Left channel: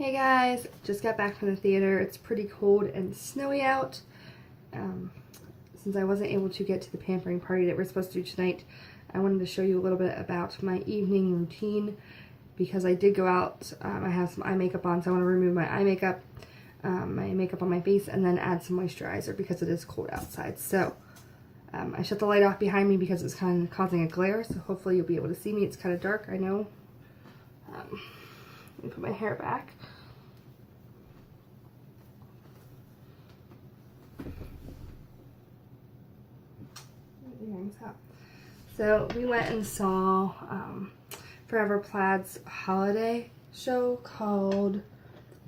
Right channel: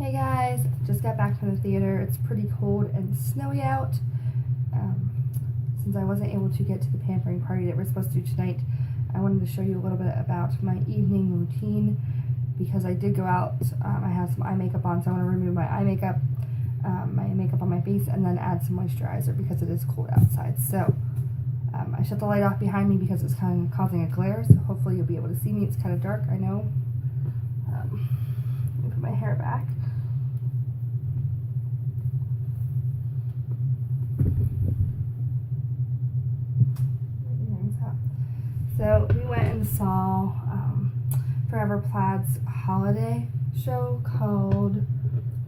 Hey guys, just got back from the theater. It's pretty cold and snowy out. Since I wasn't able to get to the pampering party that we're supposed to do tonight, I wanted to show you a little bit about my evening routine because I did go out. I have some eye makeup on, so I want to remove my eye makeup, my makeup on my face, and then add some moisturizer because it is cold outside. So I shut the light off behind me because it's kind of causing a glare, so hopefully you'll be able to see me. It's kind of dark, I know. Let me put my hair back. So we went and saw Forever Plaid's holiday show called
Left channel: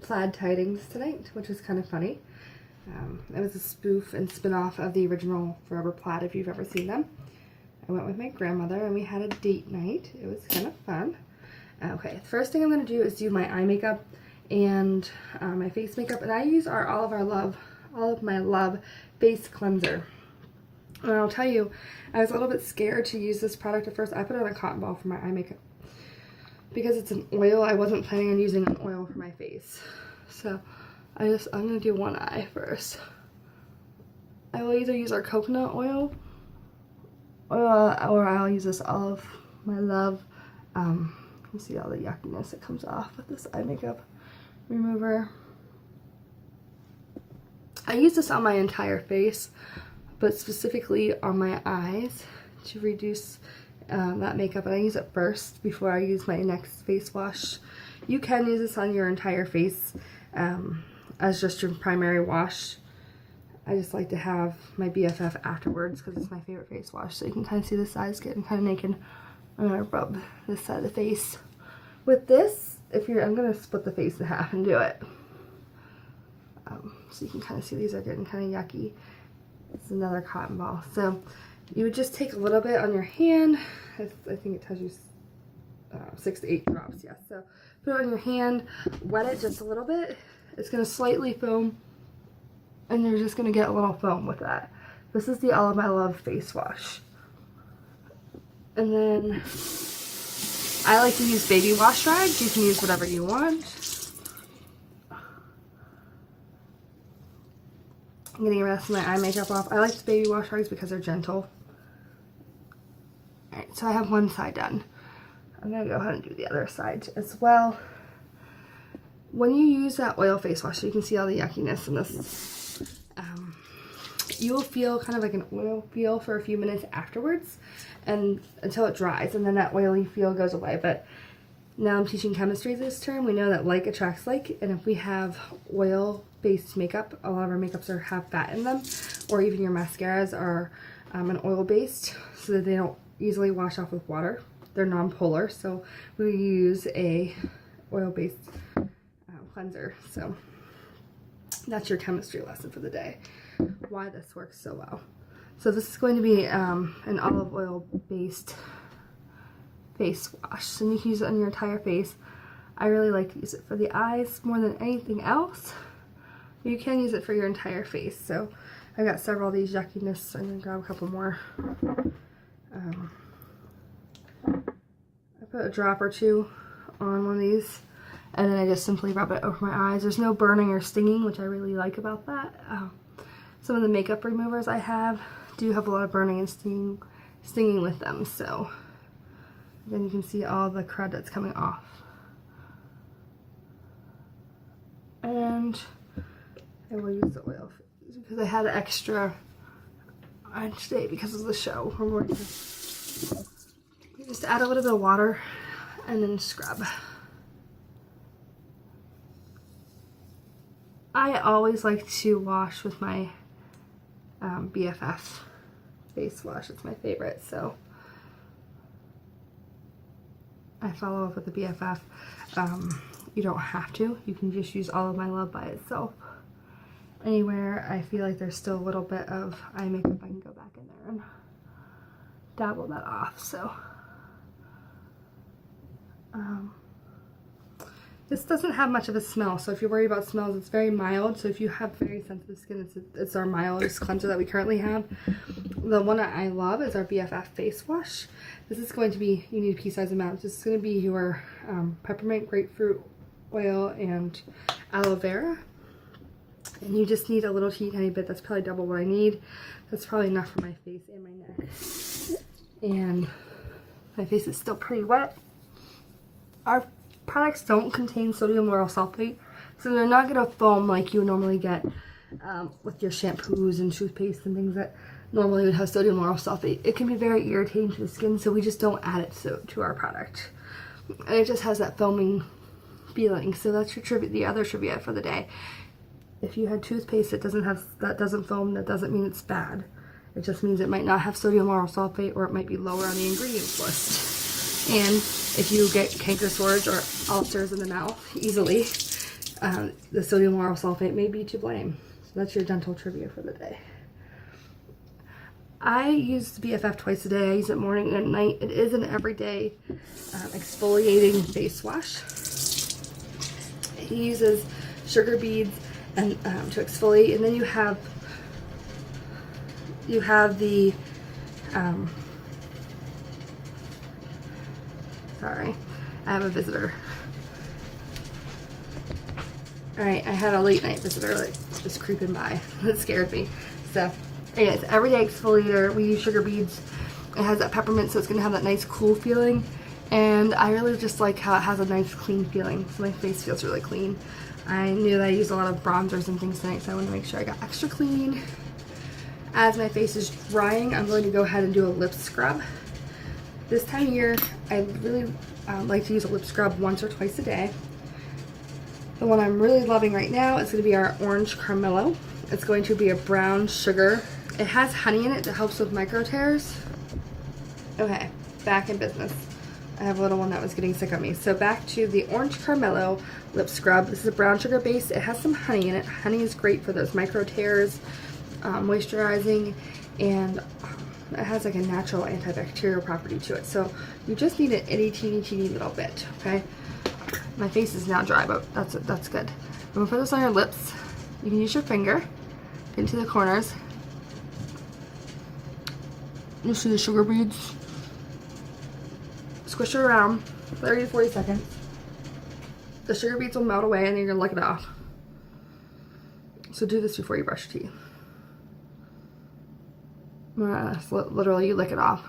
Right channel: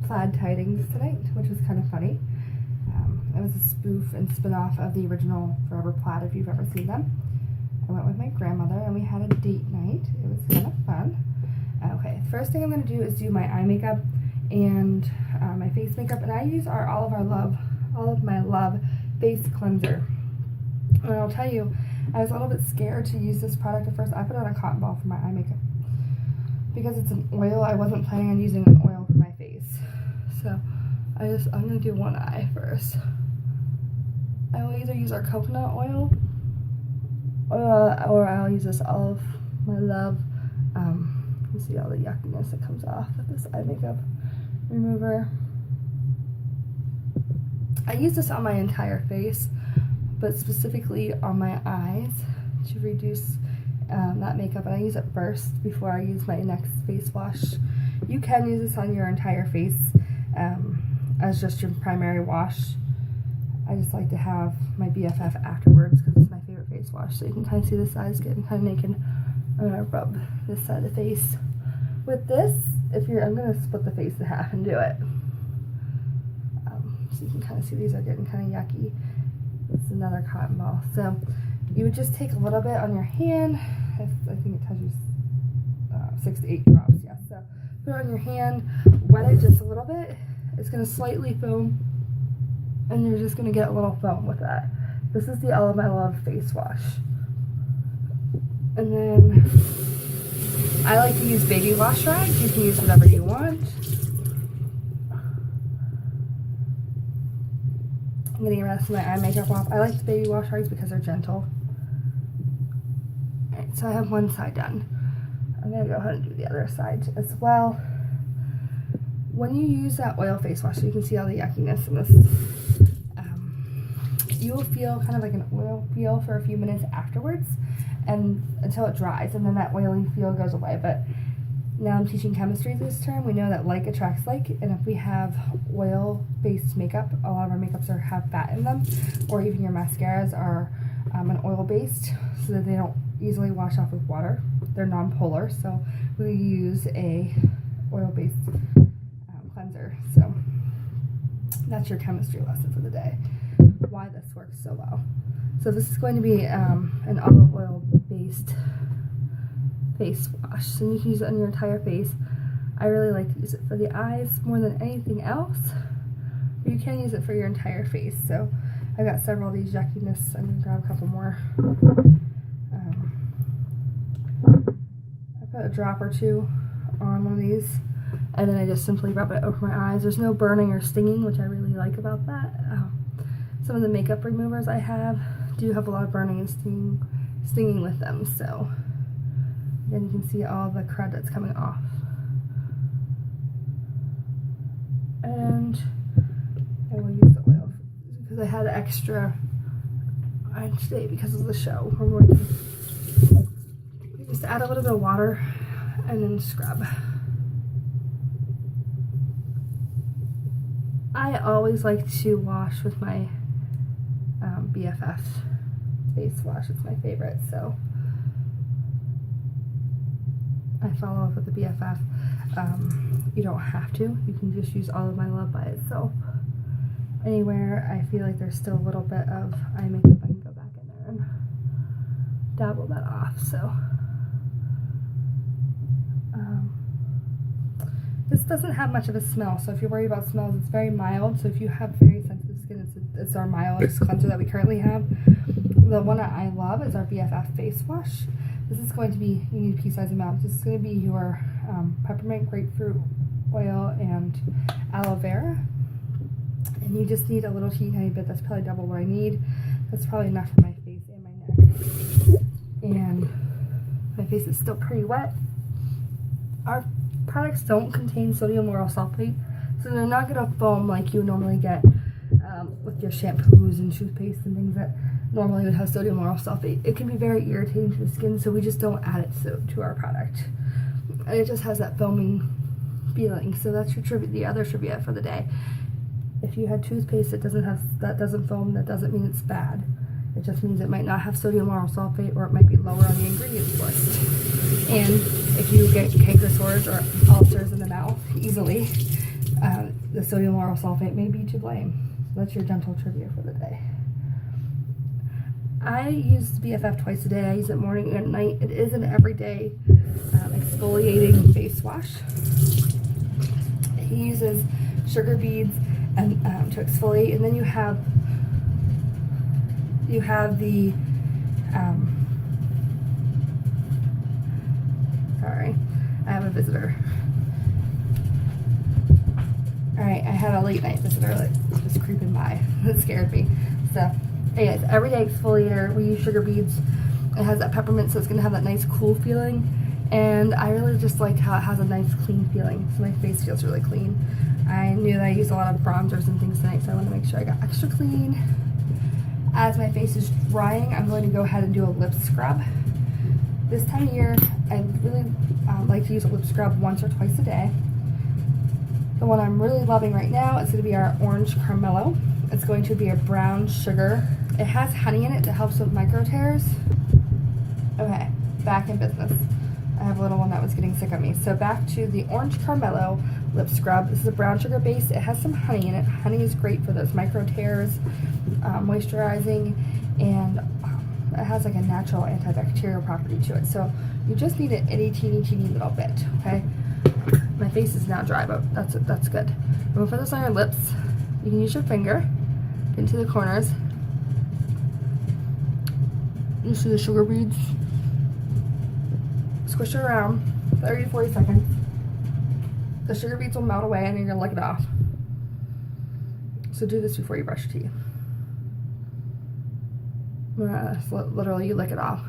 Plaid Tidings tonight, which was kind of funny. It was a spoof and spin-off of the original Forever Plaid, if you've ever seen them. I went with my grandmother and we had a date night. It was kind of fun. Okay, the first thing I'm going to do is do my eye makeup and my face makeup, and I use our All of My Love face cleanser. And I'll tell you, I was a little bit scared to use this product at first. I put on a cotton ball for my eye makeup because it's an oil. I wasn't planning on using an oil for my face, so I'm gonna do one eye first. I will either use our coconut oil or I'll use this All of My Love. You see all the yuckiness that comes off with this eye makeup remover. I use this on my entire face, but specifically on my eyes to reduce that makeup, and I use it first before I use my next face wash. You can use this on your entire face as just your primary wash. I just like to have my BFF afterwards because it's my favorite face wash, so you can kind of see the sides getting kind of naked. I'm gonna rub this side of the face with this. I'm gonna split the face in half and do it, so you can kind of see these are getting kind of yucky. It's another cotton ball. So you would just take a little bit on your hand. I think it tells you 6 to 8 drops. Yes. So put it on your hand, wet it just a little bit. It's going to slightly foam, and you're just going to get a little foam with that. This is the All of My Love face wash. And then I like to use baby wash rags. You can use whatever you want. I'm getting the rest of my eye makeup off. I like the baby wash rags because they're gentle. Alright, so I have one side done. I'm going to go ahead and do the other side as well. When you use that oil face wash, so you can see all the yuckiness in this, you will feel kind of like an oil feel for a few minutes afterwards, and until it dries, and then that oily feel goes away. But now I'm teaching chemistry this term. We know that like attracts like, and if we have oil-based makeup, a lot of our makeups have fat in them, or even your mascaras are an oil-based, so that they don't easily wash off with water. They're non-polar, so we use a oil-based cleanser. So that's your chemistry lesson for the day, why this works so well. So this is going to be an olive oil-based face wash, so you can use it on your entire face. I really like to use it for the eyes more than anything else. You can use it for your entire face. So I've got several of these yuckiness. I'm gonna grab a couple more. I put a drop or two on one of these, and then I just simply rub it over my eyes. There's no burning or stinging, which I really like about that. Some of the makeup removers I have do have a lot of burning and stinging with them, so then you can see all the crud that's coming off. And I will use the oil because I had extra on today because of the show. We're going to just add a little bit of water and then scrub. I always like to wash with my BFF face wash. It's my favorite, so I follow up with the BFF. You don't have to. You can just use All of My Love by itself. Anywhere I feel like there's still a little bit of eye makeup, I can go back in there and dabble that off. So this doesn't have much of a smell, so if you're worried about smells, it's very mild. So if you have very sensitive skin, it's our mildest cleanser that we currently have. The one that I love is our BFF face wash. This is going to be, you need pea-sized amounts. This is going to be your peppermint, grapefruit, oil and aloe vera. And you just need a little teeny bit. That's probably double what I need. That's probably enough for my face and my neck. And my face is still pretty wet. Our products don't contain sodium lauryl sulfate, so they're not going to foam like you normally get with your shampoos and toothpaste and things that normally would have sodium lauryl sulfate. It can be very irritating to the skin, so we just don't add it to our product. And it just has that foaming feeling. So that's your trivia, the other trivia for the day. If you had toothpaste that doesn't foam, that doesn't mean it's bad. It just means it might not have sodium lauryl sulfate, or it might be lower on the ingredients list. And if you get canker sores or ulcers in the mouth easily, the sodium lauryl sulfate may be to blame. So that's your dental trivia for the day. I use BFF twice a day. I use it morning and night. It is an everyday exfoliating face wash. It uses sugar beads and to exfoliate, and then you have the sorry, I have a visitor. Alright, I had a late night visitor like just creeping by. That scared me. So anyways, everyday exfoliator. We use sugar beads. It has that peppermint, so it's gonna have that nice cool feeling, and I really just like how it has a nice clean feeling, so my face feels really clean. I knew that I used a lot of bronzers and things tonight, so I want to make sure I got extra clean. As my face is drying, I'm going to go ahead and do a lip scrub. This time of year, I really like to use a lip scrub once or twice a day. The one I'm really loving right now is going to be our orange Cara-mellow. It's going to be a brown sugar. It has honey in it that helps with micro tears. Okay, back in business. I have a little one that was getting sick of me. So back to the orange Cara-mellow lip scrub. This is a brown sugar base. It has some honey in it. Honey is great for those micro tears, moisturizing, and it has like a natural antibacterial property to it. So you just need an itty teeny little bit, okay? My face is now dry, but that's good. I'm gonna put this on your lips. You can use your finger into the corners. You see the sugar beads? Squish it around 30 to 40 seconds. The sugar beads will melt away and then you're gonna lick it off. So do this before you brush your teeth. Literally, you lick it off.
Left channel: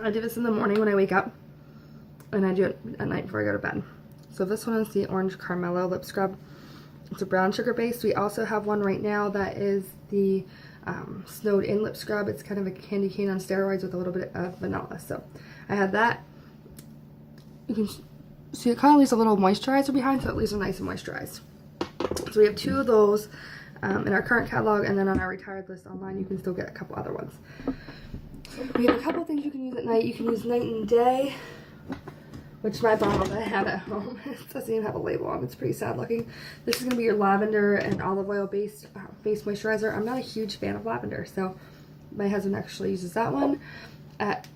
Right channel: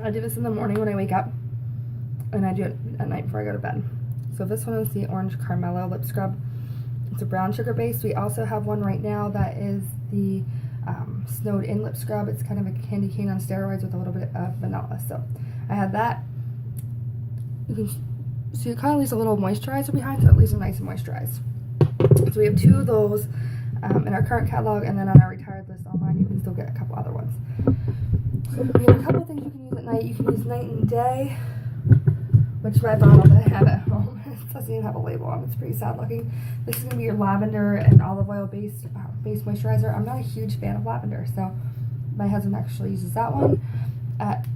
I do this in the morning when I wake up, and I do it at night before I go to bed. So this one is the orange Cara-mellow lip scrub. It's a brown sugar base. We also have one right now that is the snowed in lip scrub. It's kind of a candy cane on steroids with a little bit of vanilla. So I have that. You can see it kind of leaves a little moisturizer behind, so it leaves them nice and moisturized. So we have two of those in our current catalog, and then on our retired list online you can still get a couple other ones. So we have a couple of things you can use at night. You can use night and day, which is my bottle that I have at home. It doesn't even have a label on it. It's pretty sad looking. This is going to be your lavender and olive oil based face moisturizer. I'm not a huge fan of lavender, so my husband actually uses that one. At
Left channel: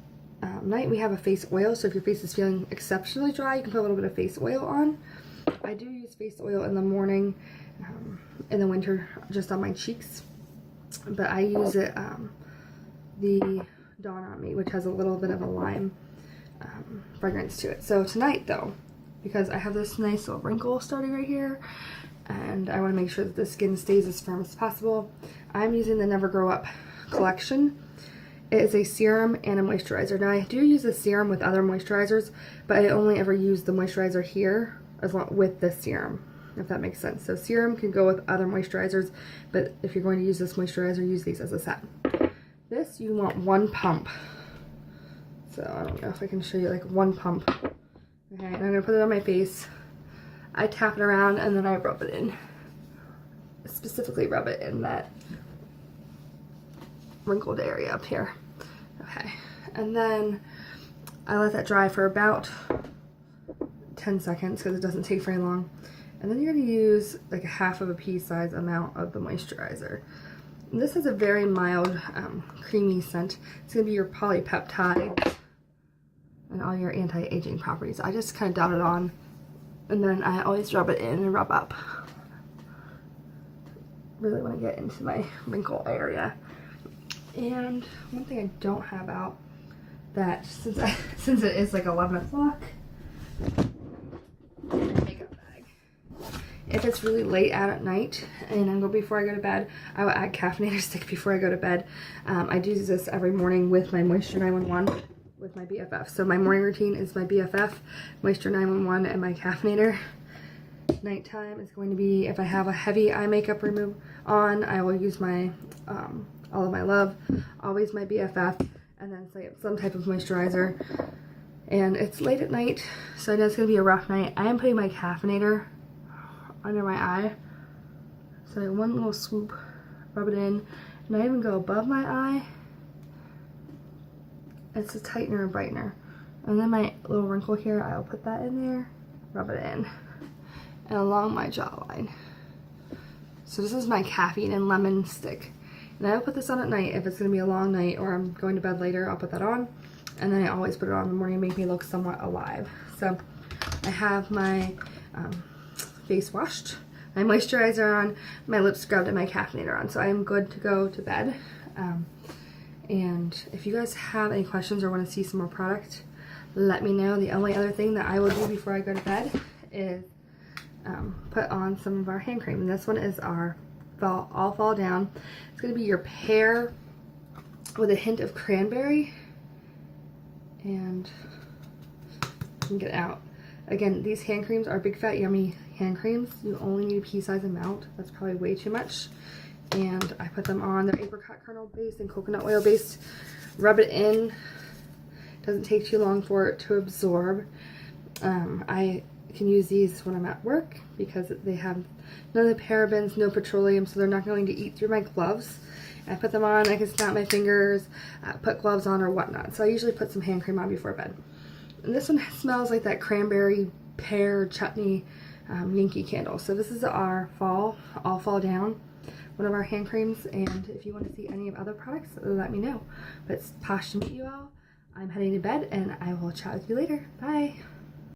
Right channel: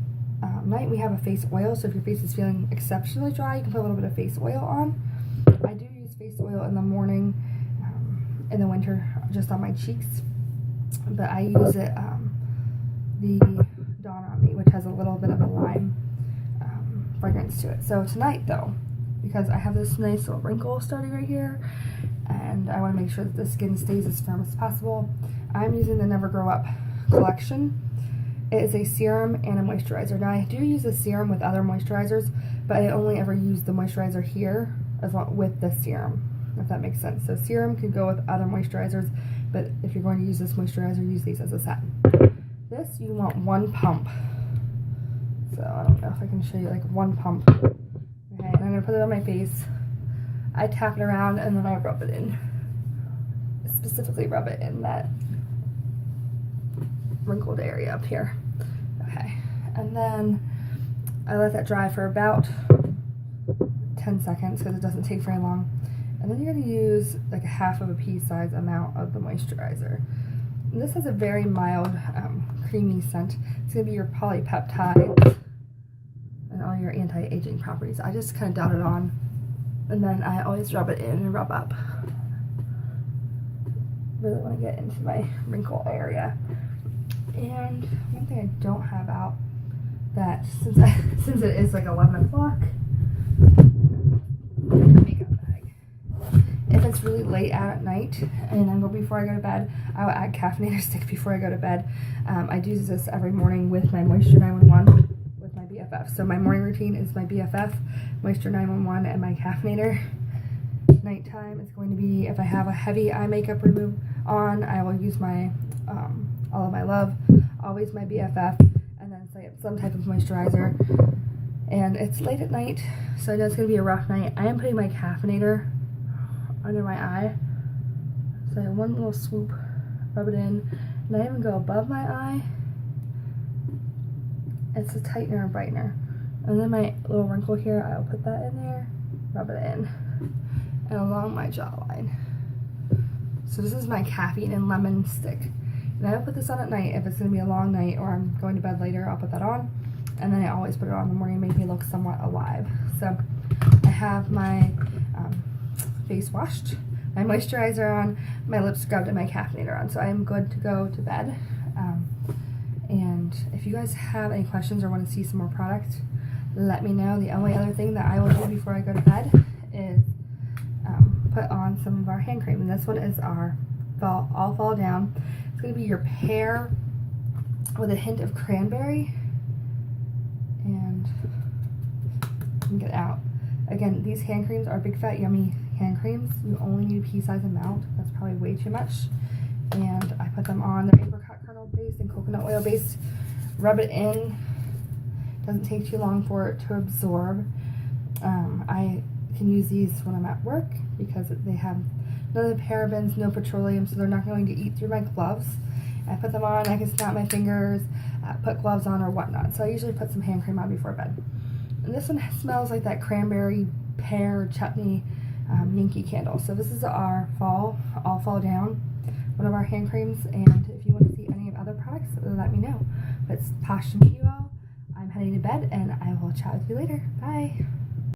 night we have a face oil, so if your face is feeling exceptionally dry, you can put a little bit of face oil on. I do use face oil in the morning, in the winter, just on my cheeks, but I use it, the Dawn on Me, which has a little bit of a lime fragrance to it. So tonight though, because I have this nice little wrinkle starting right here, and I want to make sure that the skin stays as firm as possible, I'm using the Never Grow Up collection. It is a serum and a moisturizer. Now I do use a serum with other moisturizers, but I only ever use the moisturizer here as long with the serum, if that makes sense. So serum can go with other moisturizers, but if you're going to use this moisturizer, use these as a set. This, you want one pump. So I don't know if I can show you like one pump. Okay, and I'm gonna put it on my face. I tap it around and then I rub it in. Specifically rub it in that wrinkled area up here. Okay, and then I let that dry for about 10 seconds because it doesn't take very long. And then you're gonna use like a half of a pea size amount of the moisturizer. And this has a very mild, creamy scent. It's gonna be your polypeptides and all your anti-aging properties. I just kind of dot it on, and then I always rub it in and rub up. Really want to get into my wrinkle area. And one thing I don't have out that since it is like 11 o'clock, makeup bag. If it's really late out at night and I'm going before I go to bed, I will add caffeinator stick before I go to bed. I do this every morning with my Moisture 911 with my BFF. So my morning routine is my BFF, Moisture 911, and my caffeinator. Nighttime is going to be, if I have a heavy eye makeup remove on, I will use my All of My Love, always my BFF, and then some type of moisturizer. And it's late at night, so I know it's going to be a rough night. I am putting my caffeinator under my eye. So one little swoop, rub it in, and I even go above my eye. It's a tightener and brightener. And then my little wrinkle here, I'll put that in there, rub it in, and along my jawline. So this is my caffeine and lemon stick. And I'll put this on at night if it's going to be a long night or I'm going to bed later. I'll put that on, and then I always put it on in the morning to make me look somewhat alive. So I have my face washed, my moisturizer on, my lips scrubbed, and my caffeinator on. So I am good to go to bed. And if you guys have any questions or want to see some more product, let me know. The only other thing that I will do before I go to bed is put on some of our hand cream. And this one is our All Fall Down. It's going to be your pear with a hint of cranberry. And you can get out. Again, these hand creams are big fat yummy hand creams. You only need a pea-sized amount. That's probably way too much. And I put them on. They're apricot kernel based and coconut oil based. Rub it in. Doesn't take too long for it to absorb. I can use these when I'm at work because they have none of the parabens, no petroleum, so they're not going to eat through my gloves. I put them on, I can snap my fingers, put gloves on or whatnot. So I usually put some hand cream on before bed. And this one smells like that cranberry pear chutney Yankee candle. So this is our All Fall Down, one of our hand creams. And if you want to see any of other products, let me know. But it's Posh to meet you all. I'm heading to bed, and I will chat with you later. Bye.